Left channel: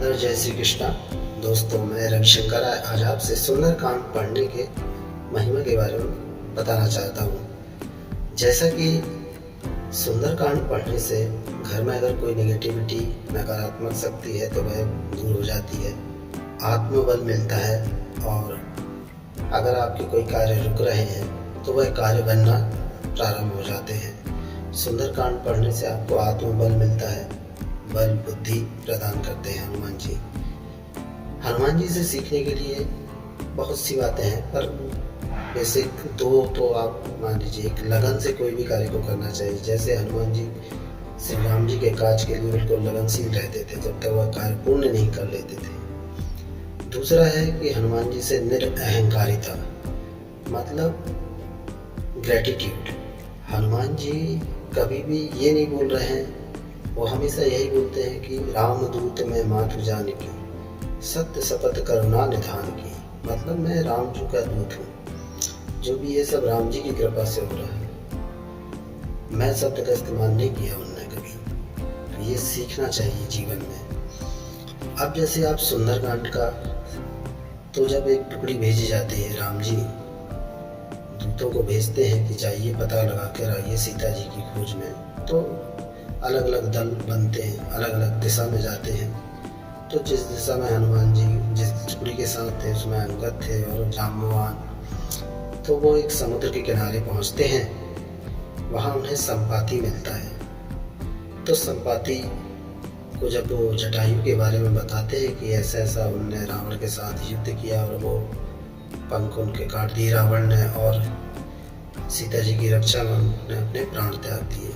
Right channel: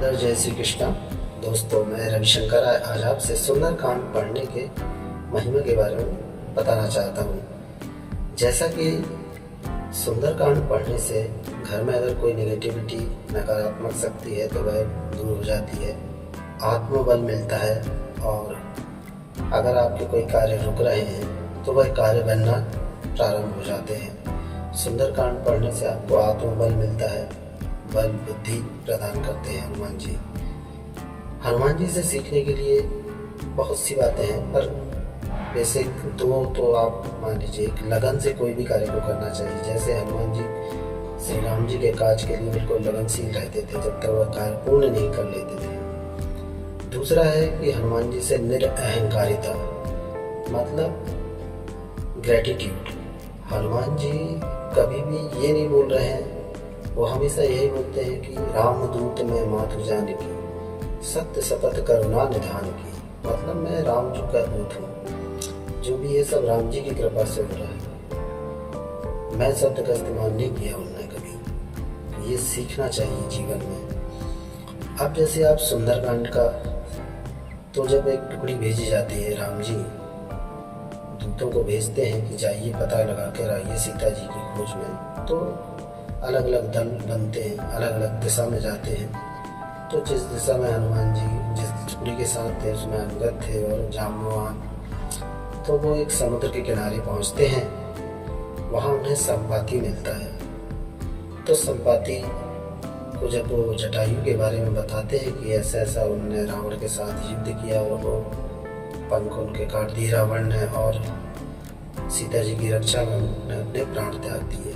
आदर जय श्री कृष्णा। दोस्तों, मैं रविशंकर आज आपसे सुंदरकांड पढ़ने के महिमा के बारे में बताना चाहता हूँ। जैसा कि सुंदरकांड पढ़ने से घर में अगर कोई नेगेटिविटी, नकारात्मक शक्ति है तो वह दूर हो जाती है, आत्मबल मिलता है और अगर आपके कोई कार्य रुक रहे हैं तो वह कार्य बनना प्रारंभ हो जाते हैं। सुंदरकांड पढ़ने से आपको आत्मबल मिलता है, बल बुद्धि प्रदान करते हैं हनुमान जी। हनुमान जी से सीखने के लिए बहुत सी बातें हैं, पर बेसिक दो तो आप मान लीजिए। एक, लगन से कोई भी कार्य को करना चाहिए। जैसे हनुमान जी श्री राम जी के काज के लिए बिल्कुल लगनशील रहते थे जब तक वह कार्य पूर्ण नहीं कर लेते थे। दूसरा है कि हनुमान जी से निरअहंकारिता, मतलब ग्रेटिट्यूड। हनुमान जी कभी भी ये नहीं बोल रहे हैं, वो हमेशा यही बोलते हैं कि राम दूत में मातु जानकी, सत्य शपथ करुणा निधान की। मतलब मैं राम जी का दूत हूँ, जो भी ये सब राम जी की कृपा से हो रहा है। मैं शब्द का इस्तेमाल नहीं किया उन्होंने कभी, तो ये सीखना चाहिए जीवन में। अब जैसे आप सुंदरकांड का, तो जब एक टुकड़ी भेजी जाती है, राम जी दूतों को भेजते हैं कि जाइए पता लगा कर आइए सीता जी की खोज में, तो अलग अलग दल बनते हैं, अलग अलग दिशा में जाते हैं। तो जिस दिशा में हनुमान जी जिस टुकड़ी के साथ थे उसमें अंगद थे और जाम्बवान, तो वो एक समुद्र के किनारे पहुंचते हैं। वहाँ उन्हें संपाति मिलता है। तो संपाति को जब वो जटायु के बारे में बताते हैं कि ऐसा ऐसा उन्होंने रावण के साथ युद्ध किया और वो पंख उनके काट दिए रावण ने, और सीता जी की रक्षा में उन्होंने अपने प्राण त्याग दिए।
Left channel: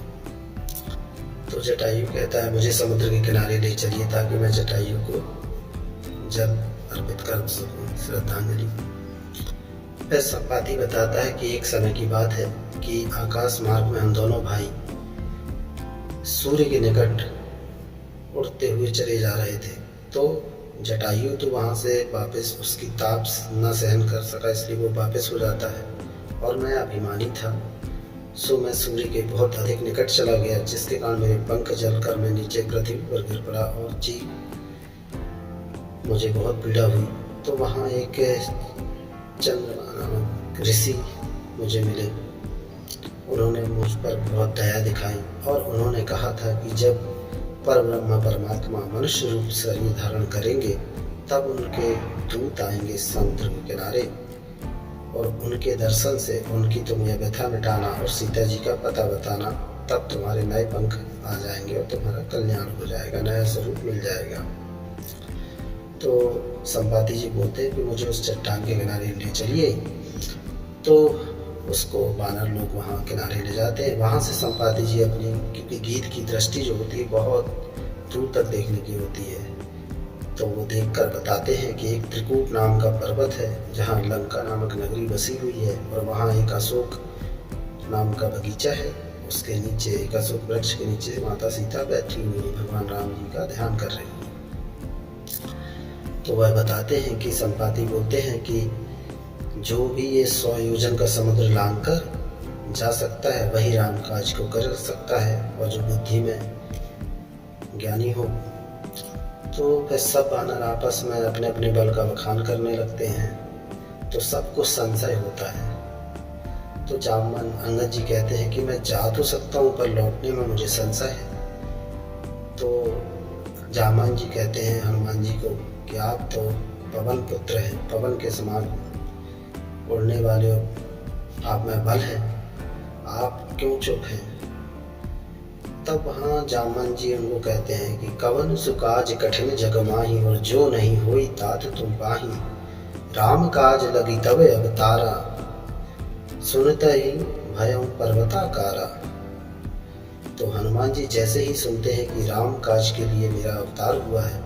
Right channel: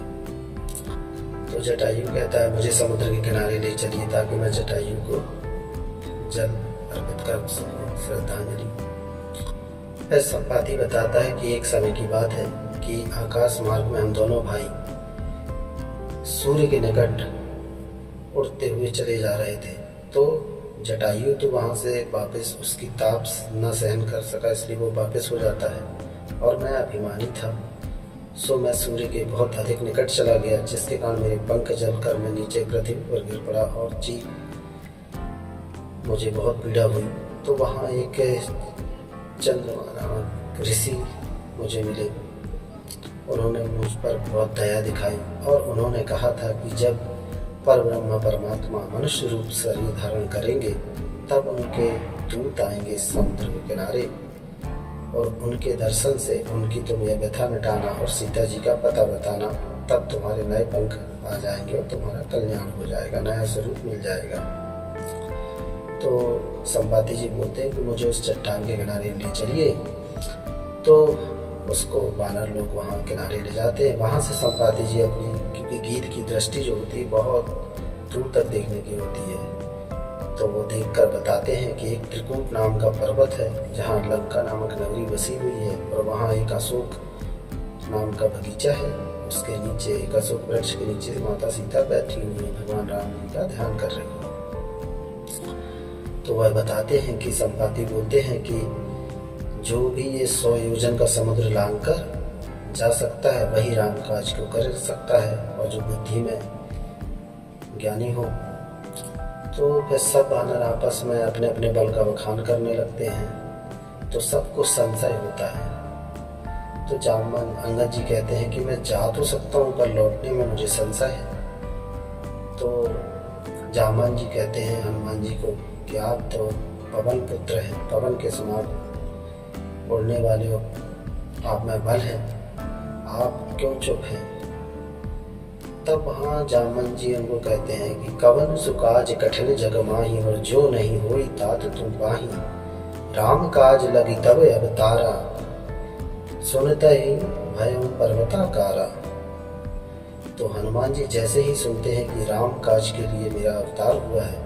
तो जटायु कहता है मुझे समुद्र के किनारे ले चलिए ताकि मैं जटायु को जल अर्पित कर सकूं, श्रद्धांजलि। फिर संपाति बताता है कि एक समय की बात है कि आकाश मार्ग में हम दोनों भाई सूर्य के निकट उड़ते हुए चले जा रहे थे। तो जटायु तो वहाँ से वापस उसकी ताप न सहन कर सका, इसलिए वो वापस हो जाता है। और मैं अभिमानी था, सो मैं सूर्य के बहुत अधिक निकट चला गया, जिसके कारण मेरे पंख जलकर मैं नीचे पृथ्वी पर गिर पड़ा और मुझे बहुत पीड़ा हुई। तो वहाँ एक चंद्रमा नामक ऋषि मुझे मिले। उन्होंने मुझ पर बहुत दया दिखाई और उन्होंने कहा था कि जब परब्रह्म परमात्मा मनुष्य रूप शरीर धारण करेंगे तब उनके दूत आएंगे समुद्र के किनारे, और उनके दर्शन से उनकी तुम यह व्यथा मिटाना और सीता जी का पता बताना, तब तुम्हारे नए पंख आ जाएंगे और तुम्हारा कल्याण हो जाएगा, नया स्वरूप मिल जाएगा। तो संपाति जी बोलते हैं कि मुझे उस चट्टान के किनारे ले चलिए। तो उसको वानर लोग वहाँ किनारे ले जाते हैं। वहाँ से संपाति जी अपनी, क्योंकि गीत की दृष्टि जो होती है बहुत दूर तक देखने की होती है, तो वो देखकर बताते हैं कि एक त्रिकूट नाम का पर्वत है जहाँ लंका नामक नगरी बसी हुई है, और वहाँ एक अशोक नाम का बगीचा है। उसके नीचे एक अशोक वृक्ष के नीचे माता सीता बैठी हुई है, भगवान राम जी का ध्यान कर रही है। तो वह बताते हैं कि संपाति बोलते हैं कि जो भी ये 100 योजन का समुद्र लांघ कर जा सकता है वही राम काज को कर सकता है, और जो बुद्धि में ज्ञानी हो। तो फिर सब वानर आपस में अपने अपने बल का बखान करने लगते हैं, तो सबको संशय होता है। तो जामवन अंगद जी कहते हैं कि मैं जा तो सकता हूँ पर लौटने में मुझे संशय है। तो जामवन जी कहते हैं हनुमान जी को कि आप तो पवन पुत्र हैं, पवन के समान उड़ने वाले हो, आप में बल है, आप क्यों चुप हैं। तब वहाँ जामवन जी उनको कहते हैं कि कवन सुकाज कठिन जग माही, और जो नहीं होई तात तुम पाही, राम काज लगी तब अवतारा, सुनता ही भयं पर्वताकारा। तो हनुमान जी जैसे ही सुनते हैं कि राम काज के लिए मेरा अवतार हुआ है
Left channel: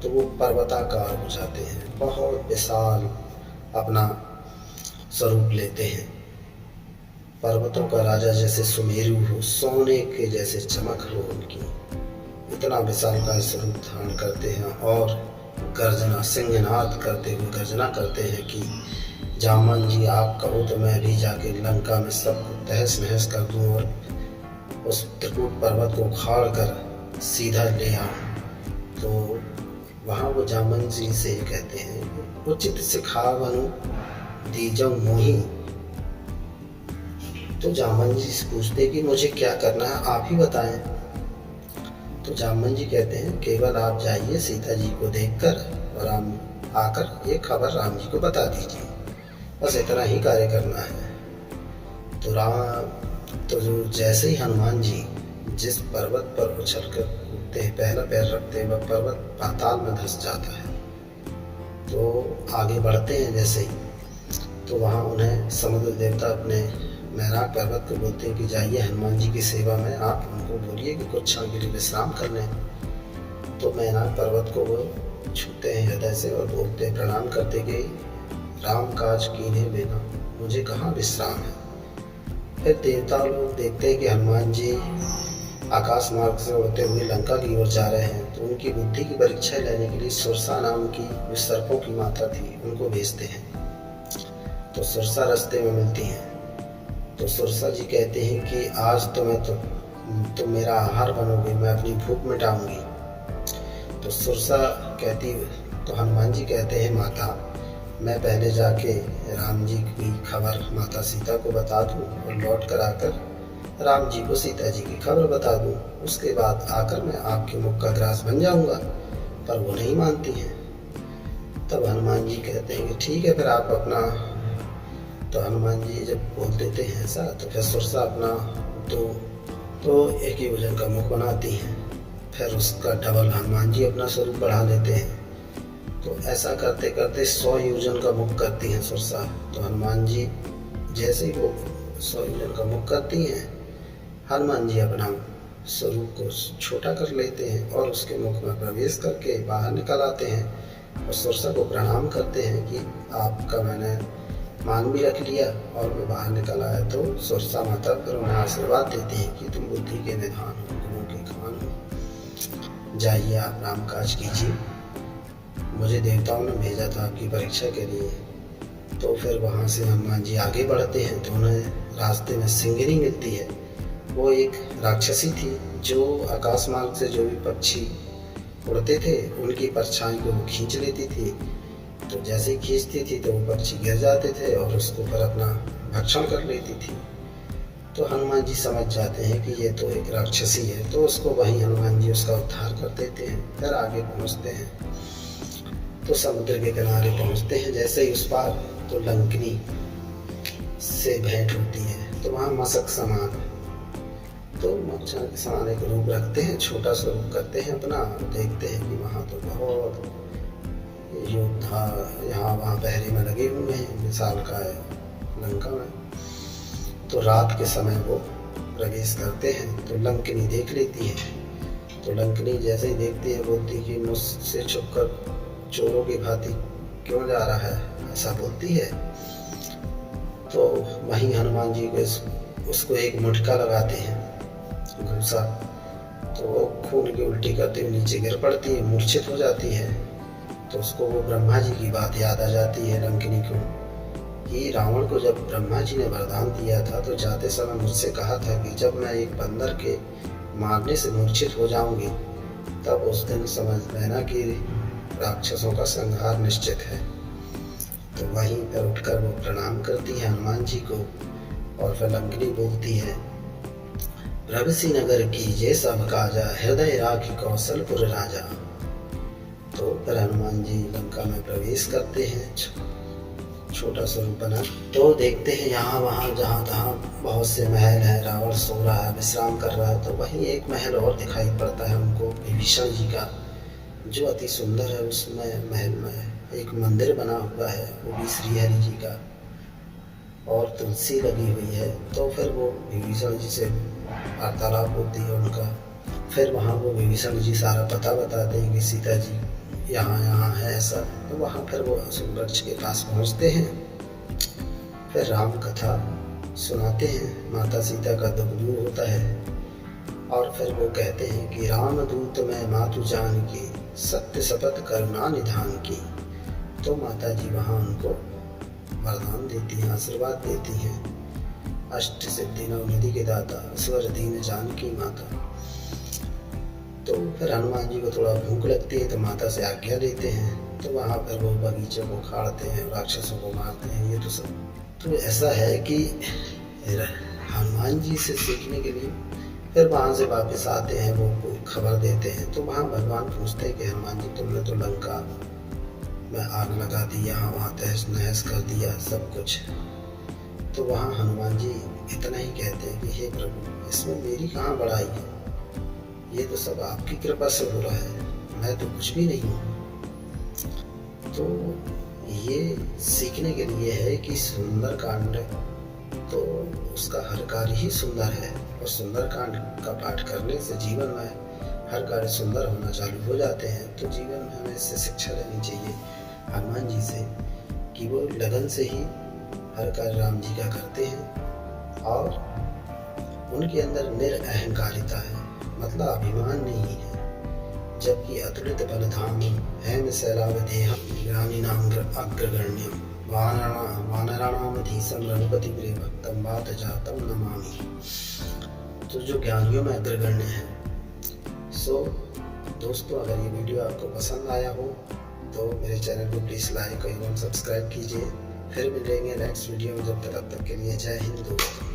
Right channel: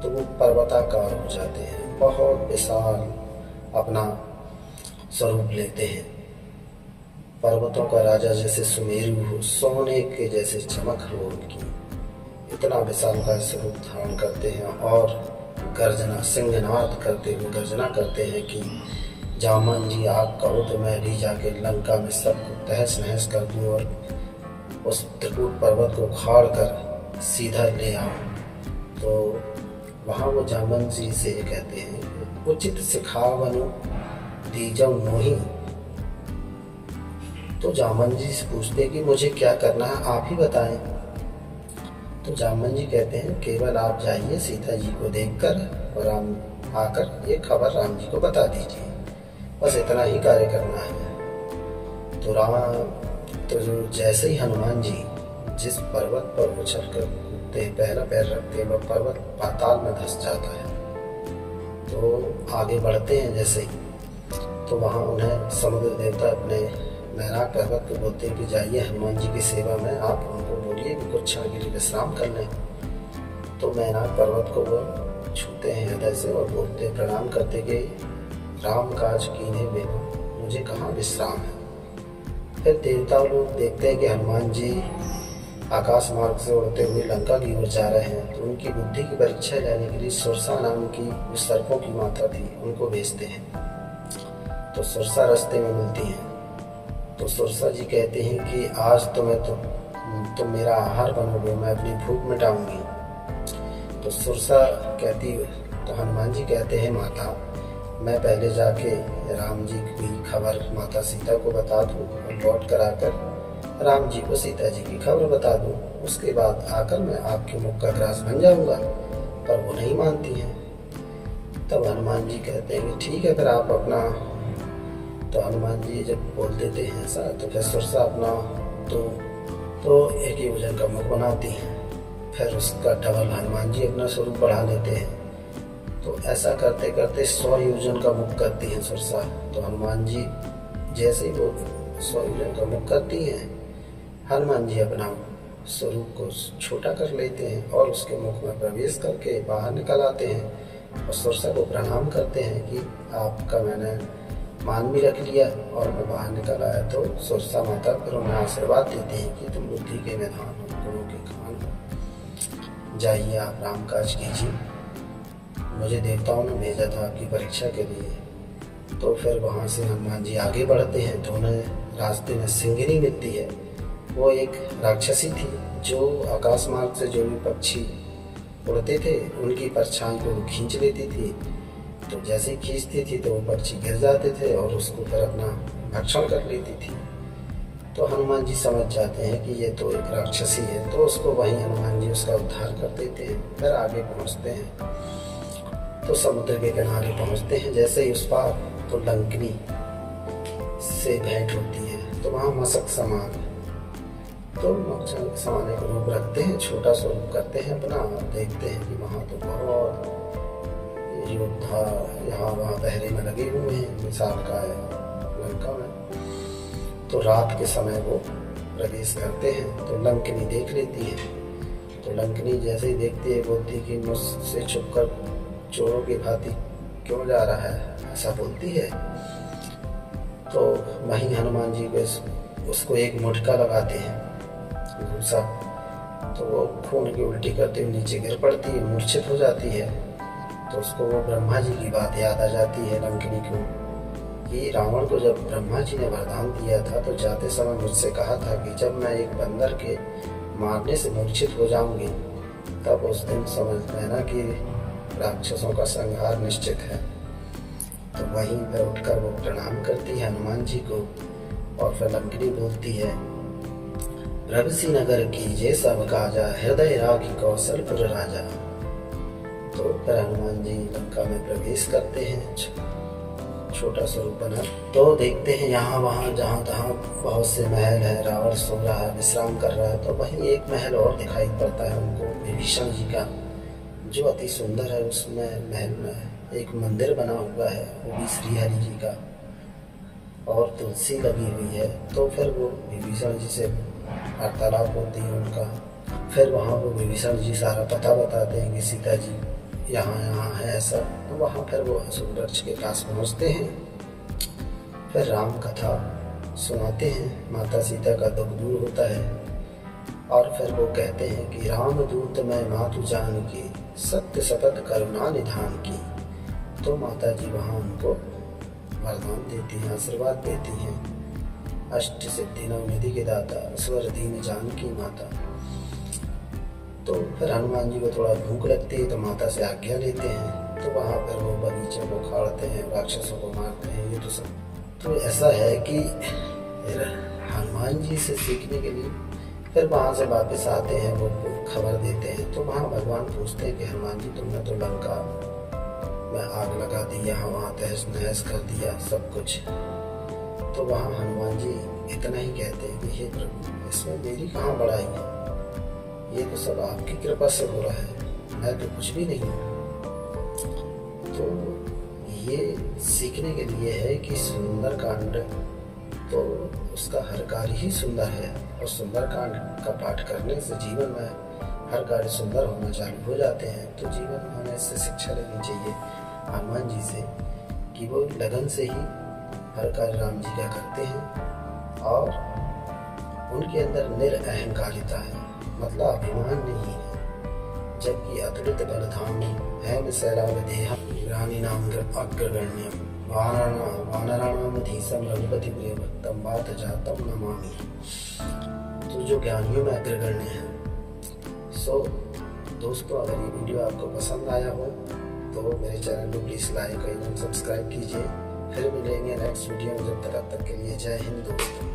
तो वो पर्वताकार हो जाते हैं, बहुत विशाल अपना स्वरूप लेते हैं। पर्वतों का राजा जैसे सुमेरु हो, सोने के जैसे चमक हो उनकी, इतना विशाल का स्वरूप धारण करते हैं और गर्जना सिंहनाद करते हुए गर्जना करते हैं कि जामन जी आप कहो तो मैं भी जाके लंका में सबको तहस नहस कर दूँ और उस त्रिकूट पर्वत को उखाड़ कर सीधा ले आऊँ। तो वहाँ वो जामन जी से ये कहते हैं, उचित सिखावनु दीजऊ मोही। तो जामन जी से पूछते हैं कि मुझे क्या करना है, आप ही बताएं। तो जामन जी कहते हैं, केवल आप जाइए सीता जी को देखकर और राम आकर ये खबर राम जी को बता दीजिए, बस इतना ही कार्य करना है। तो जो जैसे ही हनुमान जी जिस पर्वत पर उछल कर कूदते हैं, पहला पैर रखते हैं, वह पर्वत पाताल में धंस जाता है। तो आगे बढ़ते हैं जैसे ही, तो वहाँ उन्हें समुद्र देवता अपने मैनाक पर्वत को बोलते हैं कि जाइए हनुमान जी की सेवा में, आप उनको बोलिए कि कुछ क्षण के लिए विश्राम कर लें। तो मैनाक पर्वत को वो छूते हैं हृदय से और बोलते हैं, प्रणाम करते कि राम काज कीन्हे बिना मुझे कहाँ विश्राम है। फिर देवता लोग देखते हैं कि हनुमान जी आकाश मार्ग से उड़ते हुए लंका की ओर जा रहे हैं, तो उनकी बुद्धि की परीक्षा लेने के लिए सुरसा नाम की जो सर्पों की माता थी उनको भेजते हैं। तो सुरसा रास्ते में मिलती हैं। तो सुरसा जी कहते हैं कि आज तो मेरा आहार बनोगे, मैं अपनी भूख मिटाऊंगी। तो सुरसा कहती, तो हनुमान जी कहते हैं, माता मैं पहले जाके राम जी की खबर माता सीता को बता दूं और लौट कर आकर राम जी को सीता जी की खबर बता दूं, उसके बाद आकर मैं आपके मुख का ग्रास बन जाऊंगा। पर वो नहीं मानती हैं। तब हनुमान जी कहते हैं कि ठीक है, फिर आप अपना। तो हनुमान जी जब बोल देते हैं ऐसा, तो फिर सुरसा अपना तो एक योजन का मुख बनाती हैं। फिर उसका डबल हनुमान जी अपना स्वरूप बढ़ा लेते हैं। तो ऐसा करते करते 100 योजन का मुख करती हैं सुरसा। तो हनुमान जी जैसे ही वो 100 योजन का मुख करती हैं, हनुमान जी अपना स्वरूप को छोटा कर लेते हैं और उसके मुख में प्रवेश करके बाहर निकल आते हैं और सुरसा को प्रणाम करते हैं कि आपका मैंने मान भी रख लिया और मैं बाहर निकल आया। तो सुरसा माता फिर उन्हें आशीर्वाद देती है कि तुम बुद्धि के निधान हो, गुरु के खान हो, जाइए आप राम काज कीजिए, मुझे देवताओं ने भेजा था आपकी परीक्षा के लिए। तो फिर वहाँ से हनुमान जी आगे बढ़ते हैं तो उन्हें रास्ते में सिंगिनी मिलती है। वो एक राक्षसी थी जो आकाश मार्ग से जो भी पक्षी उड़ते थे उनकी परछाई को वो खींच लेती थी। तो जैसे ही खींचती थी तो वो पक्षी गिर जाते थे और उसको फिर अपना भक्षण कर लेती थी। तो हनुमान जी समझ जाते हैं कि ये तो एक राक्षसी है, तो उसको वहीं हनुमान जी उसका उद्धार कर देते हैं। फिर आगे पहुँचते हैं तो समुद्र के किनारे पहुँचते हैं। जैसे ही उस पार तो लंकनी से भेंट होती है। तो वहाँ मशक समान, तो मच्छर के समान एक रूप रखते हैं, छोटा सा रूप करते हैं अपना, और देखते हैं कि वहाँ तो बहुत योद्धा यहाँ वहाँ पहरे में लगे हुए हैं, विशाल का है लंका में। तो रात के समय वो प्रवेश करते हैं तो लंकनी देख लेती है। तो लंकनी जैसे ही देखती है बोलती कि मुझसे छुपकर चोरों की भांति क्यों जा रहा है, ऐसा बोलती है। तो वहीं हनुमान जी को उसको एक मुटका लगाते हैं घूसा, तो वो खून की उल्टी करते हुए नीचे गिर पड़ती है, मूर्छित हो जाती है। तो उसको वो ब्रह्मा जी की बात याद आ जाती है लंकनी को कि रावण को जब ब्रह्मा जी ने वरदान दिया था तो जाते समय मुझसे कहा था कि जब मैं एक बंदर के मारने से मूर्छित हो जाऊंगी तब उस दिन समझ लेना कि राक्षसों का संहार निश्चित है। तो वहीं पर उठकर वो प्रणाम करती है हनुमान जी को और फिर लंकनी बोलती है, प्रभसी नगर कीजे सब काजा, हृदय राखी कौशलपुर राजा। तो फिर हनुमान जी लंका में प्रवेश करते हैं, छोटा स्वरूप बना। तो देखते हैं यहाँ वहाँ जहाँ तहाँ बहुत से महल हैं, रावण सो रहा है, विश्राम कर रहा है। तो वहीं एक महल और दिखाई पड़ता है उनको, विभीषण जी का, जो अति सुंदर है। उसमें महल में एक मंदिर बना हुआ है, वो भी श्री हरि जी का, और तुलसी लगी हुई है। तो फिर वो विभीषण जी से वार्तालाप होती है उनका। फिर वहाँ वो विभीषण जी सारा पता बताते हैं कि सीता जी यहाँ है ऐसा। तो वहाँ फिर वो अशोक वृक्ष के पास पहुँचते हैं, फिर राम कथा सुनाते हैं, माता सीता का दुख दूर होता है। और फिर वो कहते हैं कि राम दूत मैं मातु जान की, सत्य शपथ करुणा निधान की। तो माता जी वहाँ उनको वरदान देती हैं, आशीर्वाद देती हैं, अष्ट सिद्धि नवनिधि के दाता, स्वर दीन जानकी माता। तो फिर हनुमान जी को थोड़ा भूख लगती है तो माता से आज्ञा लेते हैं, तो वहाँ पर वो बगीचे को उखाड़ते हैं, राक्षसों को मारते हैं। ये तो सब तो ऐसा है कि हनुमान जी से सीखने के लिए फिर वहाँ से वापस आते हैं, वो खबर देते हैं। तो वहाँ भगवान पूछते हैं कि हनुमान जी तुमने तो लंका में आग लगा दी, यहाँ वहाँ तहस नहस कर दिया सब कुछ। तो वहाँ हनुमान जी इतना ही कहते हैं कि हे प्रभु, इसमें मेरी कहाँ बड़ाई है, ये तो सब आपकी कृपा से हो रहा है, मैं तो कुछ भी नहीं हूँ। तो ये सीखने के लिए है कि सुंदर कांड तो उसका हर कार्य ही सुंदर है, और सुंदर कांड का पाठ करने से जीवन में हर कार्य सुंदर होना चालू हो जाते हैं। तो जीवन में हमें इससे शिक्षा लेनी चाहिए हनुमान जी से कि वो लगन से ही हर कार्य राम जी का करते हैं, और उनके अंदर निरअहंकारिता है, मतलब अभिमान नहीं है। जबकि अतुलित बलधाम हैम शैलावदेहम ग्रामीणाम अग्रगण्यम वानराणामधीशम रघुपति प्रिय भक्तम बात जातम नमामि। तो जो ज्ञानियों में अग्रगण्य है। सो दोस्तों, अगर ये वीडियो आपको पसंद आया हो तो मेरे चैनल को प्लीज़ लाइक और सब्सक्राइब कीजिए। फिर मिलेंगे नेक्स्ट वीडियो में, जब तक के लिए जय हिंद दोस्तों।